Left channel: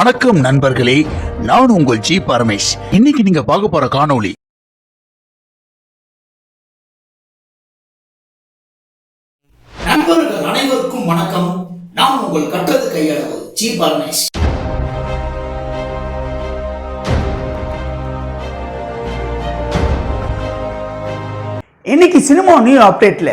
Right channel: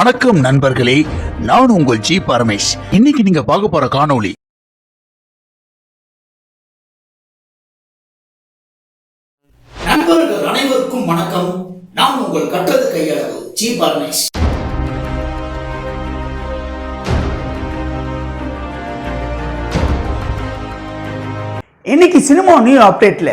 வணக்கம் நண்பர்களே நான் உங்கள் ஜி பரமேஷ் இன்னைக்கு நீங்க பார்க்க போற காணொளி நண்பர்கள் அனைவருக்கும் வணக்கம் நான் உங்கள் கற்றது கையளவு ஜி பரமேஷ் இன்னைக்கு சினிமா நியூ அப்டேட்ல